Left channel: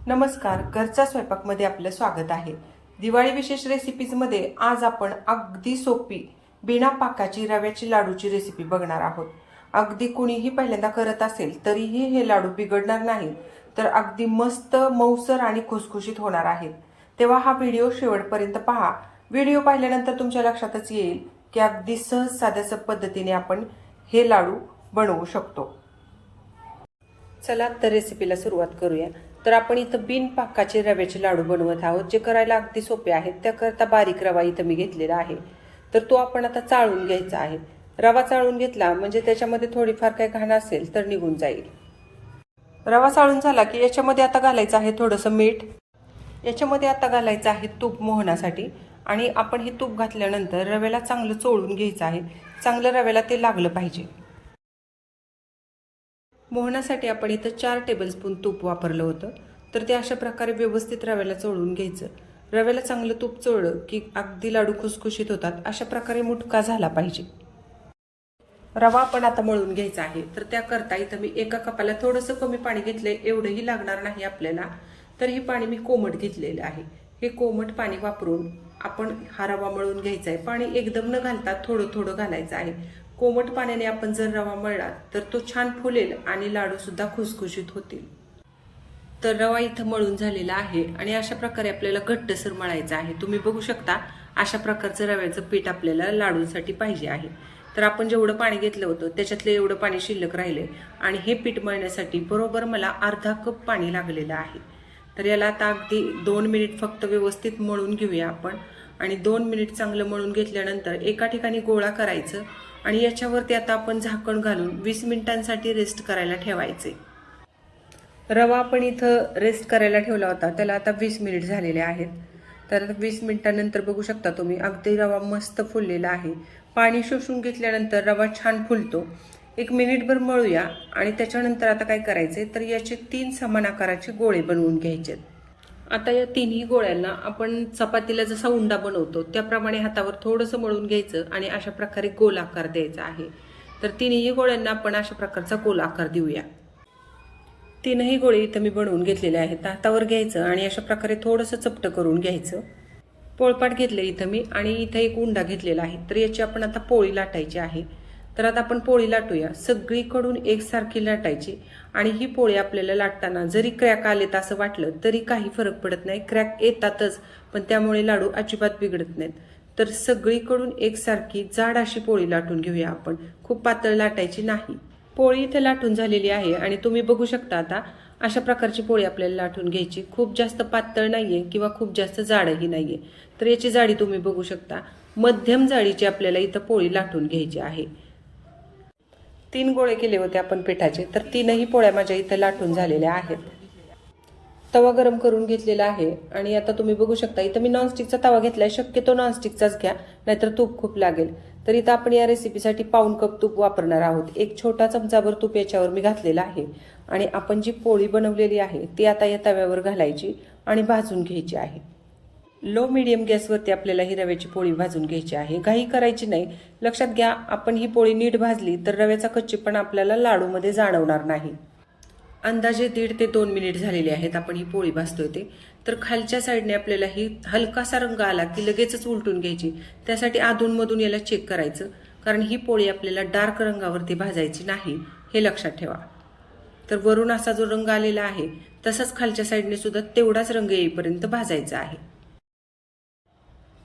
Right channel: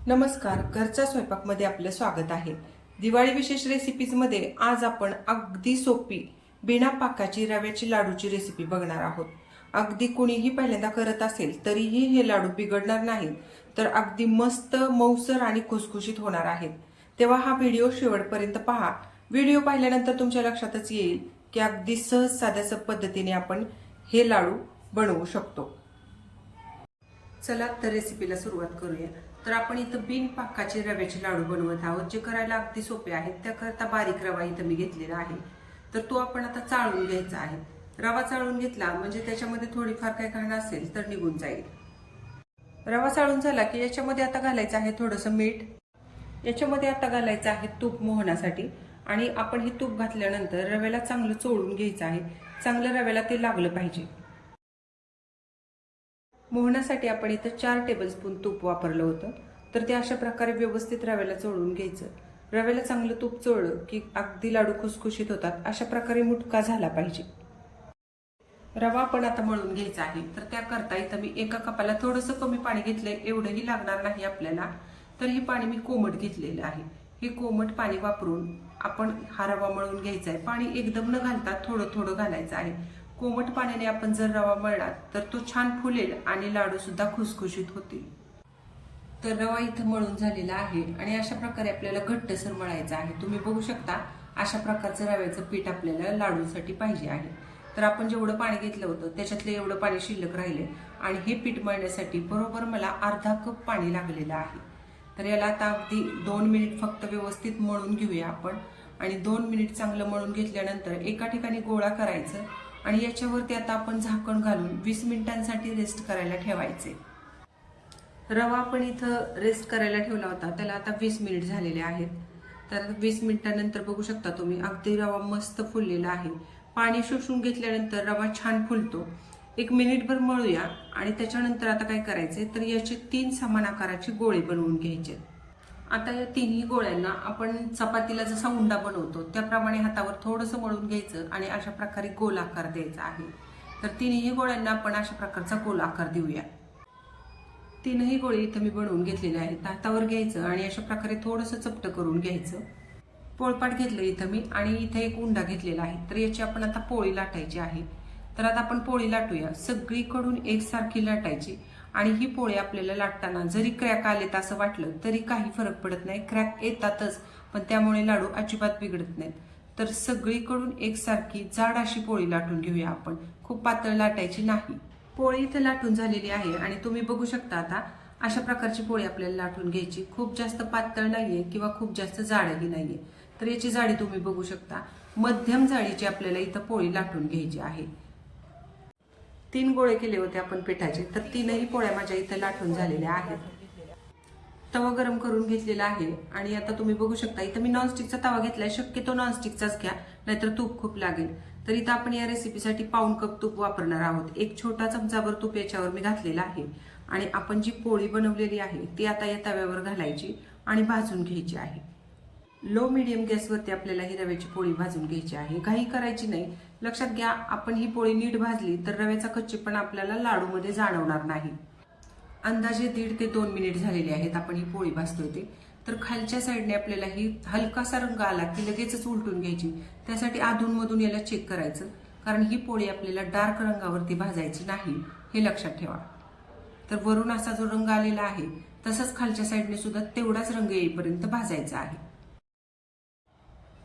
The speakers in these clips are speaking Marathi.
नमस्कार, घरच्या स्वयंपाकमध्ये आपलं स्वागत आहे। दिवाळी विशेष रेसिपीजमध्ये आज आपण अगदी सोपी बिना पाकाची रव्याची लाडूची रेसिपी बघणार आहोत। अगदी कुणीही पहिल्यांदा करत असेल तरीही हे लाडू बिघडणार नाहीत, तर अगदी मस्त मऊसर आणि खुसखुशीत होणार आहेत। तेव्हा हा व्हिडिओ शेवटपर्यंत पहा। व्हिडिओ पाहिल्यानंतर तुमच्या लक्षातच येईल की अगदी सहज साध्या पद्धतीने आपण हे लाडू बनवू शकतो। चला तर रेसिपीला सुरुवात करूया। तर आपण इथं बिन पाकाचे रव्याचे लाडू बनवत आहोत, जे करायला अगदी सोपे आहेत। त्याकरता बारीक रवा इथं मी घेतलेला आहे, तर तो आपण आता चाळून घ्यायचा आहे। रवा चाळून घेतला म्हणजे त्याच्यामध्ये थोडीफार काही घाण असेल तर निघून जाईल। रवा चाळून झाला की याच्यामध्ये आता घालायचं आहे थोडंसं मीठ। याच्यामध्ये आता घालायचं आहे तूप मोहनासाठी, आणि आपण हे तूप घातल्यानंतर रव्याला चांगलं चोळून घ्यायचं आहे। चांगलं रव्याला ते लागलं पाहिजे। मोहनासाठी आपण इथं 4 टेबलस्पून तूप वापरलं होतं, तर ते अशा प्रकारे व्यवस्थित रव्याला चोळून घ्यायचं। रव्याला चांगलं तूप चोळलं की अगदी लाडू खुसखुशीत होतात। अशा प्रकारे मुटका झाला पाहिजे। रवा आपण आता मळून घ्यायचा आहे, तर त्याकरता इथं मी एका कपाला थोडंसं कमी पाणी घेतलंय, एवढंही लागणार नाही आपल्याला। तर हे पाणी मी कोमट घेतलेलं आहे। हे कोमट पाणी वापरून आपण हा रवा मळून घ्यायचा आहे। पाणी एकदम न घालता थोडं थोडं घालायचं आहे। कोमट पाण्याने आपण जर रवा मळला तर तो छान फुलेल आणि लाडू सुद्धा खुसखुशीत होतील। तर रवा इथं मळून झालेला आहे आणि अशा प्रकारे आपल्याला घट्टसर मळायचा आहे। तुम्ही बघू शकता अशा प्रकारचं रव्याचं पीठ आपल्याला लाडूसाठी पाहिजे आहे। तर आपण जेवढं पाणी घेतलं होतं त्याच्यातलं एवढं पाणी शिल्लक राहिले, आणि हे पीठ मळण्यासाठी बरोबर मला अर्धा कप पाणी लागलेलं आहे। तर याला आता अगदी 2 मिनिट फक्त व्यवस्थित मळून घेऊया आपण। आणि 2 मिनिट चांगलं मळून घेतल्यानंतर एका ठिकाणी गोळा करायचं, आणि याच्यावरती आता आपण झाकण घालून 20 मिनिटांसाठी रेस्ट करायला ठेवायचे। रवा आपण इथं रेस्ट करायला ठेवला होता, त्याला आता 20 मिनिट झालेले आहेत। तर 20 मिनिटांनंतर बघू शकता तुम्ही अगदी रवा मस्त फुललेला आहे। पाणी शोषून घेतल्यानंतर रवा छान फुलतो। 1 मिनिटभर मळूया, आणि त्याच्यानंतर आता काय करायचे तर याचे 3 समान आकाराचे गोळे बनवून घ्यायचे। आता या तिन्ही गोळ्यांना आपण चपातीला जसा उंडा बनवतो त्याप्रमाणे हातावर थोडंसं मळून घ्यायचं, आणि अशा प्रकारे गोल आकार द्यायचा आहे। तर तिन्ही गोळ्यांना आपण अशा प्रकारचा गोल आकार देऊया। तीनही गोळे इथं मी बनवून घेतलेले आहेत। हातावर घ्यायचं आणि अशा प्रकारे थोडंसं चपटं करून घ्यायचं। पोळपाट घेतलं इथं मी, आणि इथं एक उंडा घेतलेला आहे। तर याची आपण आता पोळी लाटायची आहे। तर आता आपण पोळी लाटूया। सगळीकडून एकसारखी लाटायची, आणि ही पोळी आपल्याला लाटताना जरी क्रॅक आलेत असं वाटलं तरी काही फरक पडत नाही। क्रॅक येतातच, पण त्यामुळे लाडू अजिबात बिघडत नाहीत। तर सगळीकडून एकसारखी जाड अशी पोळी लाटून घेऊया आपण, खूप पातळ लाटायची नाही। पोळी इथे लाटून झालेली आहे, आणि तुम्ही बघू शकता आता अशा प्रकारची पोळी आपल्याला लाटून घ्यायची। खूप जास्त पातळ नाहीये किंवा खूप जास्त जाडही नाहीये। तर याची जाडी तुम्ही बघू शकता, मध्यम जाडीची आपल्याला इथं पोळी लाटून घ्यायची आहे। 3 गोळे केले होते आपण पिठाचे, तर 3ही पोळ्या माझ्या इथं लाटून झालेल्या आहेत। तवा गरम करून घेतलेला आहे, आणि आता तुम्ही बघू शकता इथं मी नॉनस्टिकचा तवा घेतलाय। शक्यतो नॉनस्टिकचाच घ्या, नाहीतर तूप खूप लागेल। तर इथं आपण या रेसिपीसाठी 1/4 कप तूप वापरणार आहोत। एक छोटा चमचाभर तूप याच्यावर मी घातलेला आहे, आणि आपण जी पोळी बनवलेली आहे ती आता या तव्यावर घालायची आणि भाजून घ्यायची आहे। लो मीडियम गॅसवरती आपल्याला ही रव्याची पोळी भाजून घ्यायची आहे। घाई करायची नाही। लक्षात घ्या, आपण ही पोळी नीट भाजली तर रव्याचा कच्चेपणा आपल्याला लाडूमध्ये जाणवणार नाही। अंदाजे 1.5 ते 2 मिनिट झालेले आहेत आपण ही पोळी भाजतोय ते। तर खालच्या साईडने आपल्याला ही हलकासा रंग आला की लगेचच उलटून घ्यायची। त्यासाठी अधूनमधून याला चेक करायचं, कारण ही पोळी आपल्याला डार्क रंगावरती भाजायची नाही, हे लक्षात ठेवा। तर वरून असा जो रंग आलेला आहे तसंच खालच्या साईडने सुद्धा तेवढाच रंग येईपर्यंत भाजायचा आहे।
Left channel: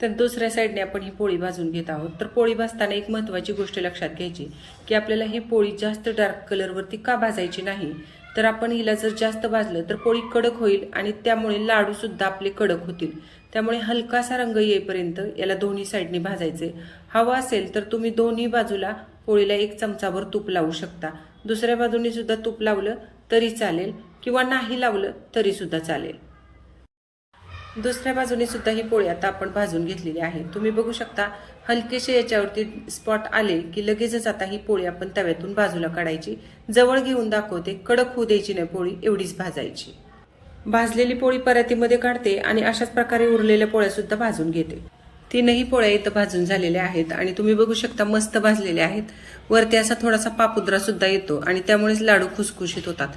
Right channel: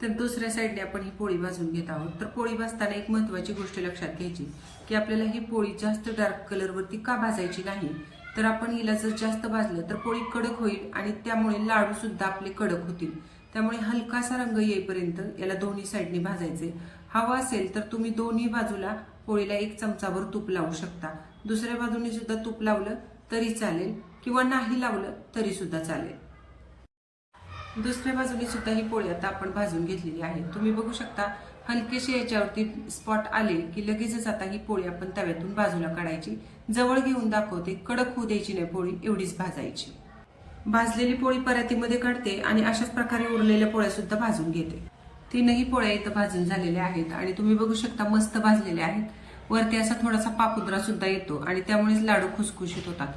तर दुसऱ्या साईडने आपण ही पोळी भाजून घेत आहोत। तर पोळी भाजताना एक महत्त्वाची गोष्ट लक्षात घ्यायची की आपल्याला ही पोळी जास्त डार्क कलरवरती का भाजायची नाही, तर आपण हिला जर जास्त भाजलं तर पोळी कडक होईल, आणि त्यामुळे लाडू सुद्धा आपले कडक होतील। त्यामुळे हलकासा रंग येईपर्यंत याला दोन्ही साईडने भाजायचे। हवा असेल तर तुम्ही दोन्ही बाजूला पोळीला 1 चमचाभर तूप लावू शकता। दुसऱ्या बाजूने सुद्धा तूप लावलं तरी चालेल, किंवा नाही लावलं तरी सुद्धा चालेल। दुसऱ्या बाजूने सुद्धा ही पोळी आता आपण भाजून घेतलेली आहे। तुम्ही बघू शकता हलकेसे याच्यावरती स्पॉट आले की लगेचच आता ही पोळी आपण तव्यातून बाजूला काढायची। जवळ घेऊन दाखवते, कडक होऊ द्यायची नाही पोळी, एवढीच भाजायची। भाजलेली पोळी परातीमध्ये काढते, आणि अशाच प्रकारे उरलेल्या पोळ्या सुद्धा भाजून घेते। 3ही पोळ्या इथं भाजून झालेल्या आहेत, आणि तुम्ही बघू शकता मस्त भाजलेल्या आहेत। वरती असा थोडासा पापुद्रा सुद्धा येतो, आणि त्यामुळेच लाडू खुसखुशीत होतात।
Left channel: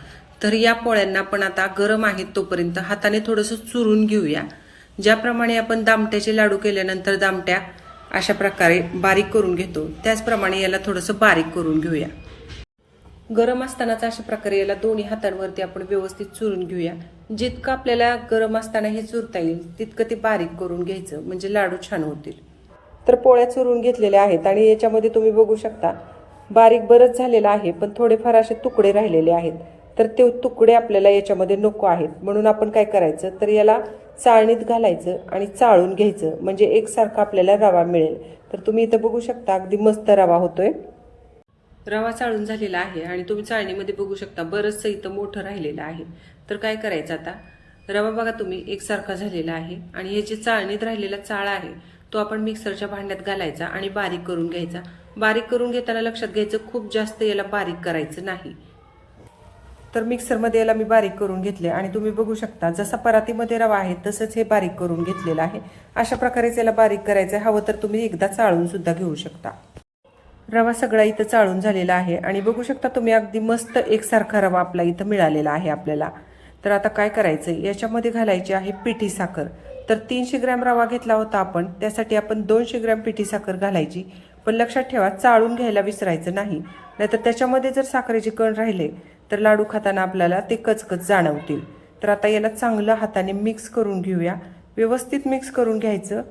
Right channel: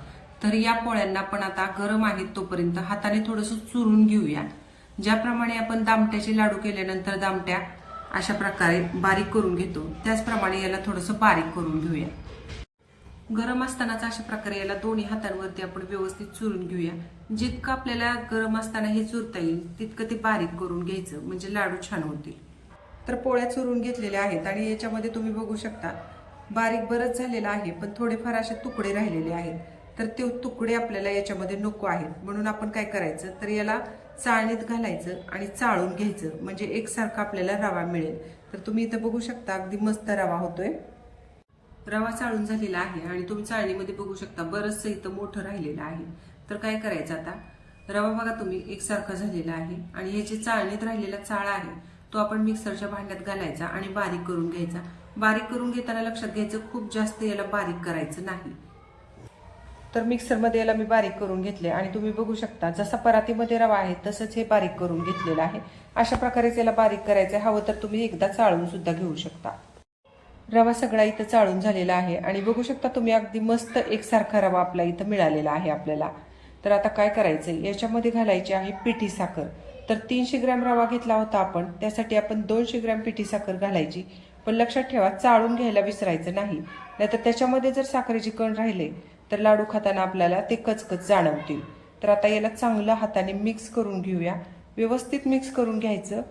तर या पोळ्यांना आपण आता गरम आहेत तोपर्यंत हाताने थोडंसं चुरून घेऊया. ज्याप्रमाणे आपण दामट्याचे लाडू केल्यानंतर दामट्या अशा प्रकारे बारीक करून घेतो, त्याचप्रमाणे याला थोडंसं बारीक करून घेऊया. गरम असतानाच अशा प्रकारे याला दोन्ही हातांवरती आपण व्यवस्थित चुरून घेऊया. जितकं आपल्याला गरम असताना हे चुरता येईल तितकं ते बारीक करून घ्यायचं, म्हणजे लाडू छान होतील. तर पोळ्या चुरून घेतलेल्या आहेत आणि याच्यामध्ये तुम्ही बघू शकता बारीक बरंच झालेलं आहे, पण थोडेफार असे तुकडे राहिलेले आहेत. तर ते तुकडे आपल्याला याच्यामध्ये नको आहेत, म्हणून आपण काय करायचं तर याला चाळणीत घालायचं आणि चाळून घ्यायचं, म्हणजे एकसारखा आपल्याला रवा मिळेल. तर तुम्ही इथं बघू शकता अगदी मस्त रवा होतोय. रवा चाळून झालेला आहे आणि तुम्ही चाळणीमध्ये बघू शकता बरंचसं इथं मोठं राहिलेलं आहे. तर काय करायचं आता, रवा बघा तुम्ही एकसारखा झालेला आहे आणि हे जे चाळणीत राहिलेला चाळा आहे तो आपण मिक्सरच्या भांड्यात घालायचा आणि बारीक करून घ्यायचा. बारीक करून घेताना लक्षात घ्यायचं खूप जास्त याला बारीक करायचं नाही. तर मिक्सरमध्ये याला मी बारीक करून घेतले आणि तुम्ही बघू शकता जसा परातीमध्ये रवा आहे तसंच हे बारीक करून घेतलेलं आहे. अशा प्रकारेच याला बारीक करायचं. हवं तर तुम्ही एकदा चाळून सुद्धा घेऊ शकता. रवा सगळा इथं चाळून झालेला आहे आणि बघू शकता तुम्ही अगदी मस्त एकसारखा रवा आपला इथं मिळालेला आहे आपल्याला. तर आता काय करायचं, याच्यामध्ये घालायची आहे पिठी साखर. तर 300 ग्रॅम रवा घेतला होता आपण, त्यासाठी आपण 200 ग्रॅम पिठी साखर घालायची. पण लक्षात ठेवा चाळून घ्यायला विसरायचं नाही, नाहीतर त्याच्यामध्ये जर साखरेचे कण राहिले तर लाडू खाताना आपल्याला ते कचकच जाणवतील. तर आता याला चांगलं हाताने मिक्स करून घेऊया. व्यवस्थित मिक्स करून घ्यायचं.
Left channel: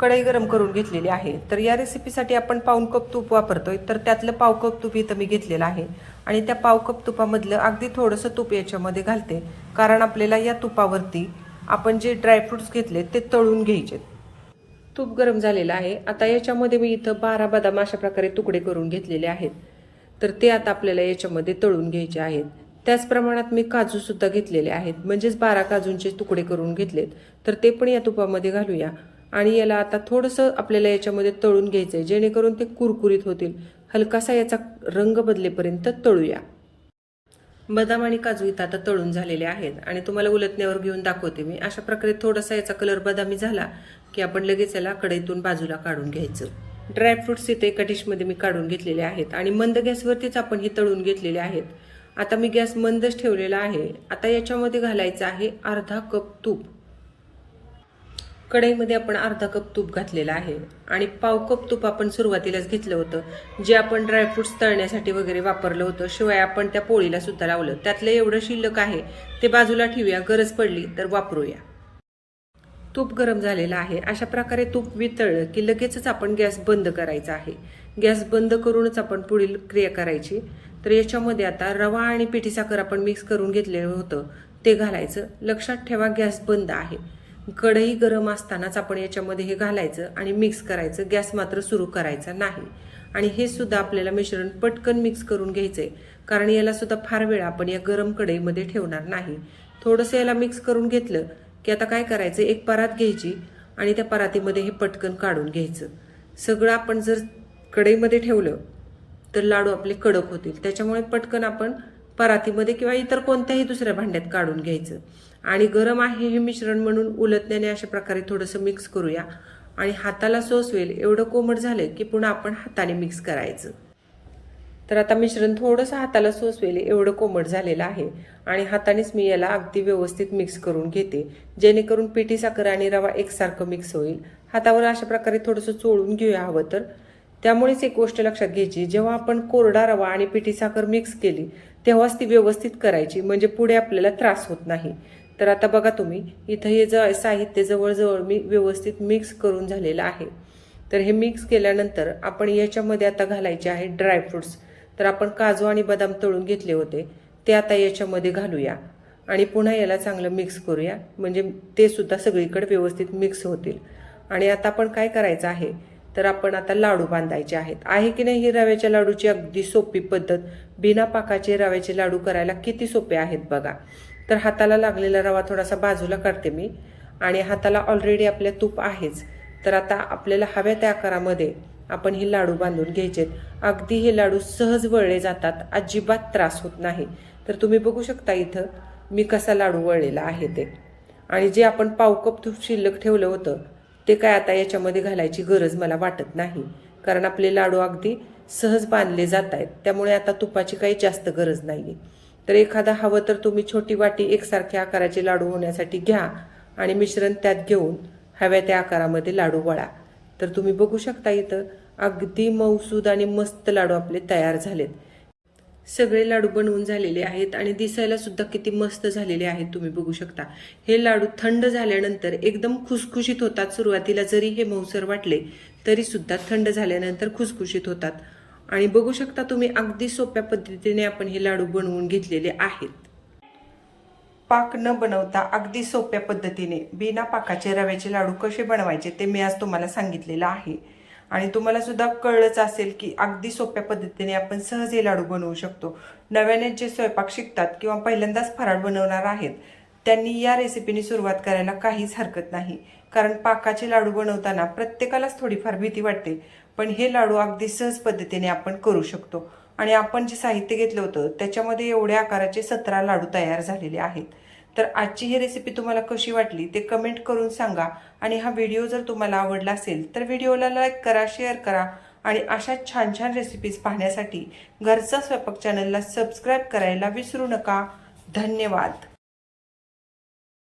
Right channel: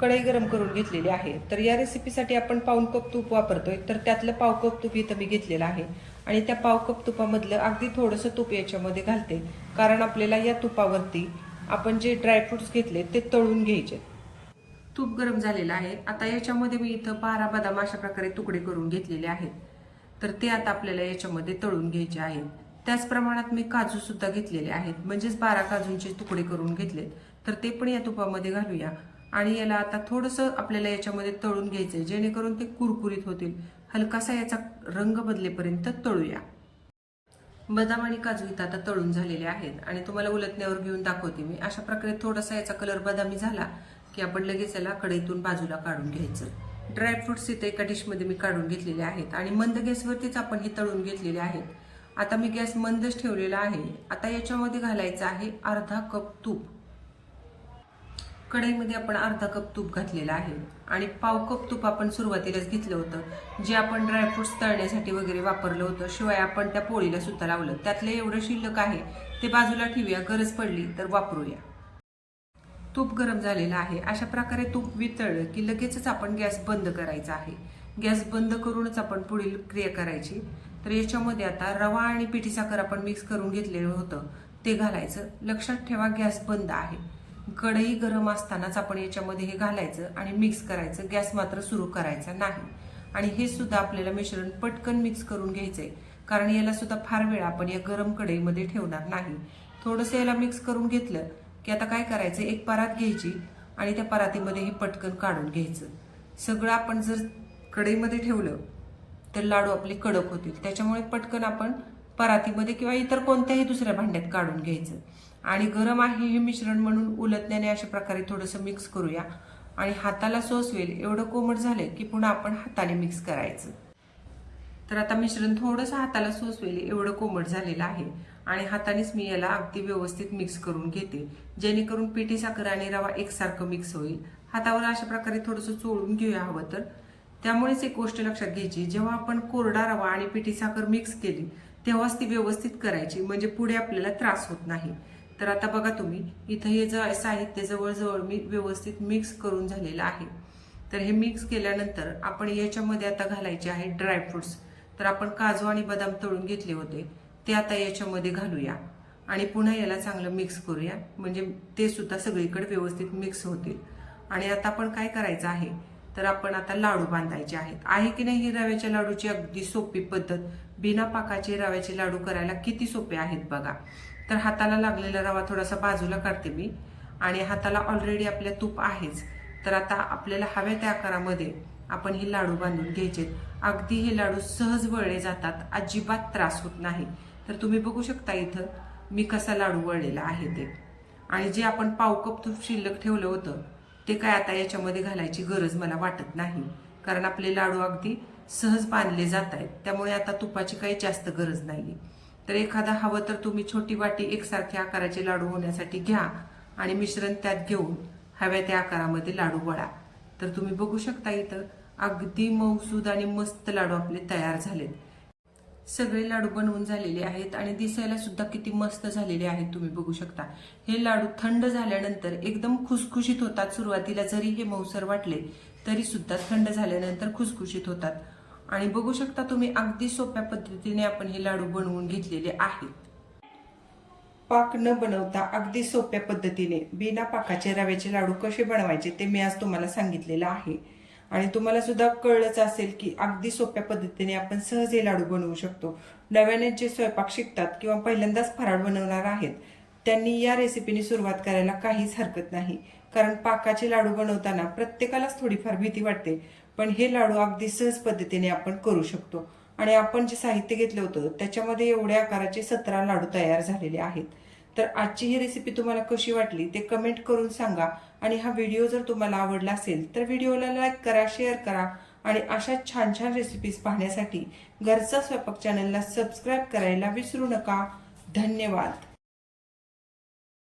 कढई गरम करून घेतलेली आहे. तर या रेसिपीसाठी आपण पाऊण कप तूप वापरतोय, तर त्यातलं पाव कप तूप इथं मी घेतलेलं आहे आणि त्या पाव कप तुपामधलं अगदी थोडंसं तूप याच्यामध्ये घालते, कारण आपल्याला या तुपावरती आपण जे ड्रायफ्रुट्स घेतले ते तळून घ्यायचे. तूप गरम झालेलं आहे. आता याच्यामध्ये मी इथं 12 बदाम अशा प्रकारे तुकडे करून घेतलेले आहेत. तर ते आता आपल्याला याच्यामध्ये तळून घ्यायचे आहेत. त्याच प्रमाणात मी काजू सुद्धा घेतलेले आहेत, म्हणजेच 12 काजूंचे तुकडे करून घेतलेत. तर ते पण या तुपामध्ये घालूया आणि याला आता थोडंसं आपल्याला याच्यामध्ये तळून घ्यायचंय, जेणेकरून ते कुरकुरीत होतील. हलकासा याचा रंग बदलेपर्यंत तळूया. बदाम आणि काजू इथं आता तळून झालेले आहेत आणि तुम्हाला उलटण्यावर घेऊन दाखवते मी. अशा प्रकारे थोडासा याचा कलर बदामी झाला की आपण लगेच याला कढईतून बाजूला काढून घ्यायचं. ड्रायफ्रुट्स इथे एका डिशमध्ये मी काढून घेतलेले आहेत आणि मंद गॅसवरतीच आपण ही तळून घेतलेले आहेत. आता मी गॅस मंदच ठेवलेला आहे. आता याच्यामध्ये घालायचं आहे अर्धा कप तूप. कढईमध्ये आपण अर्धा कप तूप घातलेलं आहे आणि पाव कप तूप आपण सुरुवातीलाच घेतलं होतं, जे आपण ड्रायफ्रुट्स तळण्यासाठी वगैरे वापरलं होतं. शिवाय आपण त्या पोळीला सुद्धा लावलं. त्यातलं एवढं शिल्लक आहे ते बाजूला ठेवूया, गरज पडली तर वापरूया. तूप गरम झालेलं आहे. अशा प्रकारे तूप वितळलं की लगेचच आपण गॅस बंद करायचा आहे. गॅस बंद करूनच आपण पुढील क्रिया करायची. तर याच्यामध्ये आता रवा आणि पिठी साखर आपण मिक्स करून घेतलेलं होतं ते घालायचं. लक्षात ठेवा गॅस बंद आहे. कढई गरम असतानाच आपण याच्यामध्ये हे घालायचं आणि मिक्स करायचं. गॅस मात्र सुरू करायचा नाही. आणि हे सुद्धा आपल्याला मिश्रण पटकन मिक्स करून घ्यायचंय, कारण याला सुद्धा फार वेळ आपण या गरम कढईमध्ये ठेवणार नाही. थोडंसं याला मिक्स करून घेतलं की आता काय करायचं, एक परात घ्यायची आणि त्या परातीमध्ये हे पटकन काढून घ्यायचं. सगळं आपण जर कढईमध्ये ठेवलं तर लाडू आपले कडक होतील. त्याच्यामुळे पटकन आपण परातीमध्ये किंवा इतर कोणत्याही दुसऱ्या भांड्यात काढून घ्यायचं. आणि गरम आहे हे मिश्रण म्हणून उलटण्याने अशा प्रकारे थोडंसं मिक्स करूया आणि हाताला सोसवेल एवढं कोमट झालं की पुन्हा आपण हाताने मिक्स करायचं. तर आता मिश्रण थोडंसं हाताला सोसवेल एवढं कोमट झालेलं आहे आणि हातानेच मी याला अगदी व्यवस्थित मिक्स करून घेते, जेणेकरून पिठी साखर आणि रवा एकसारखं मिक्स होईल. हातावर अशा प्रकारे थोडंसं चोळून घेऊया हवं तर. त्यामुळेच एक गोष्ट लक्षात घ्यायची, जेव्हा आपण कोरडा रवा आणि पिठी साखर मिक्स केली तेव्हाच ती व्यवस्थित करायची, म्हणजे पुढे आपल्याला त्रास होत नाही. तर आता बघा तुम्ही इथं हे साहित्य जवळजवळ मी व्यवस्थित मिक्स करून झालेलं आहे. तर हे मिक्स केल्यानंतर आपण याच्यामध्ये आता घालायचे आहे ड्रायफ्रुट्स. तर आपण काजू आणि बदाम तळून घेतले होते ते आता याच्यामध्ये घालूया आणि पुन्हा याला चांगलं मिक्स करूया, म्हणजे ते सुद्धा सगळीकडे व्यवस्थित मिक्स होतील. आणि आता आपण काय करायचं आहे तर आपण आता लाडू बांधायचे आहेत. आहे की नाही ही रव्याच्या लाडूची अगदी सोपी पद्धत. बिना पाकाचे रव्याचे लाडू करायला किती सोपे आहेत बघा. तर हाताला लागलेला रवा थोडासा बाजूला काढते मी आणि हाताला ऑलरेडी आपल्या तूप आहेच. तर आता आपल्याला हव्या त्या आकारामध्ये आपण हे लाडू बांधून घ्यायचेत. अगदी हे लाडू सहज वळले जातात, अजिबात त्रास होत नाही. तर तुम्ही बघू शकता इथं मी कसा लाडू वळलेला आहे ते. आणि जे आपण पाव कप तूप शिल्लक ठेवलं होतं ते काय आता याच्यामध्ये घालायची गरज मला वाटत नाही, कारण आपले लाडू अगदी सहज बांधले जात आहेत. त्यामुळे आता तुपाची काही जास्त गरज नाही. तर एखादा हवं तर तुम्ही छोटी वाटी एकसारख्या आकाराचे लाडू होण्यासाठी घ्या आणि मिश्रण त्यात घेऊन हव्या त्या आकारामध्ये लाडू वळा. तर तुम्ही बघू शकता इथं अगदी मऊसूद आणि मस्त लाडू आपले तयार झालेत. सगळे लाडू बनवून झालेले आहेत आणि दिसायला सुद्धा किती मस्त झालेले आहेत तुम्ही बघू शकता. हे लाडू थंड झाल्यानंतर एकदम खुसखुशीत होतात. सुरुवातीला जरी हे मऊसर वाटले तरी सुद्धा थंड झाल्यानंतर खुसखुशीत होतात. आणि बघू शकता तुम्ही अगदी सोप्या पद्धतीने आपण हे लाडू बनवून घेतलेले आहेत. पाक न बनवता अगदी सोप्या पद्धतीने बिना पाकाचे रव्याचे लाडू कसे बनवायचे ते मी आज तुम्हाला सांगितलेलं आहे. आणि तुम्हाला सुद्धा कळलंच असेल की अगदी सोप्या पद्धतीने आपण सहज हे लाडू बनवू शकतो. नव्याने जे स्वयंपाक शिकतात किंवा पहिल्यांदाच फराळ बनवणार आहेत त्यांनी या रेसिपीने सुरुवात करायला काहीच हरकत नाही. कारण पाकाचे लाडू बनवताना प्रत्येकालाच थोडीफार भीती वाटते, पण हे लाडू अगदी सहज पद्धतीने आपण करू शकतो. आणि आपण जे साहित्य घेतलं होतं त्याच्यामध्ये एवढ्या आकाराचे 17 लाडू तयार झालेले आहेत. तर आजची ही रेसिपी तुम्हाला कशी वाटली ते कमेंट करून सांगा. आणि हा व्हिडिओ जर तुम्हाला आवडला असेल तर व्हिडिओला लाईक करा, शेअर करा आणि अशा छान छान रेसिपीज पाहण्यासाठी घरचा स्वयंपाक चॅनलला सबस्क्राईब करायला विसरू नका. धन्यवाद.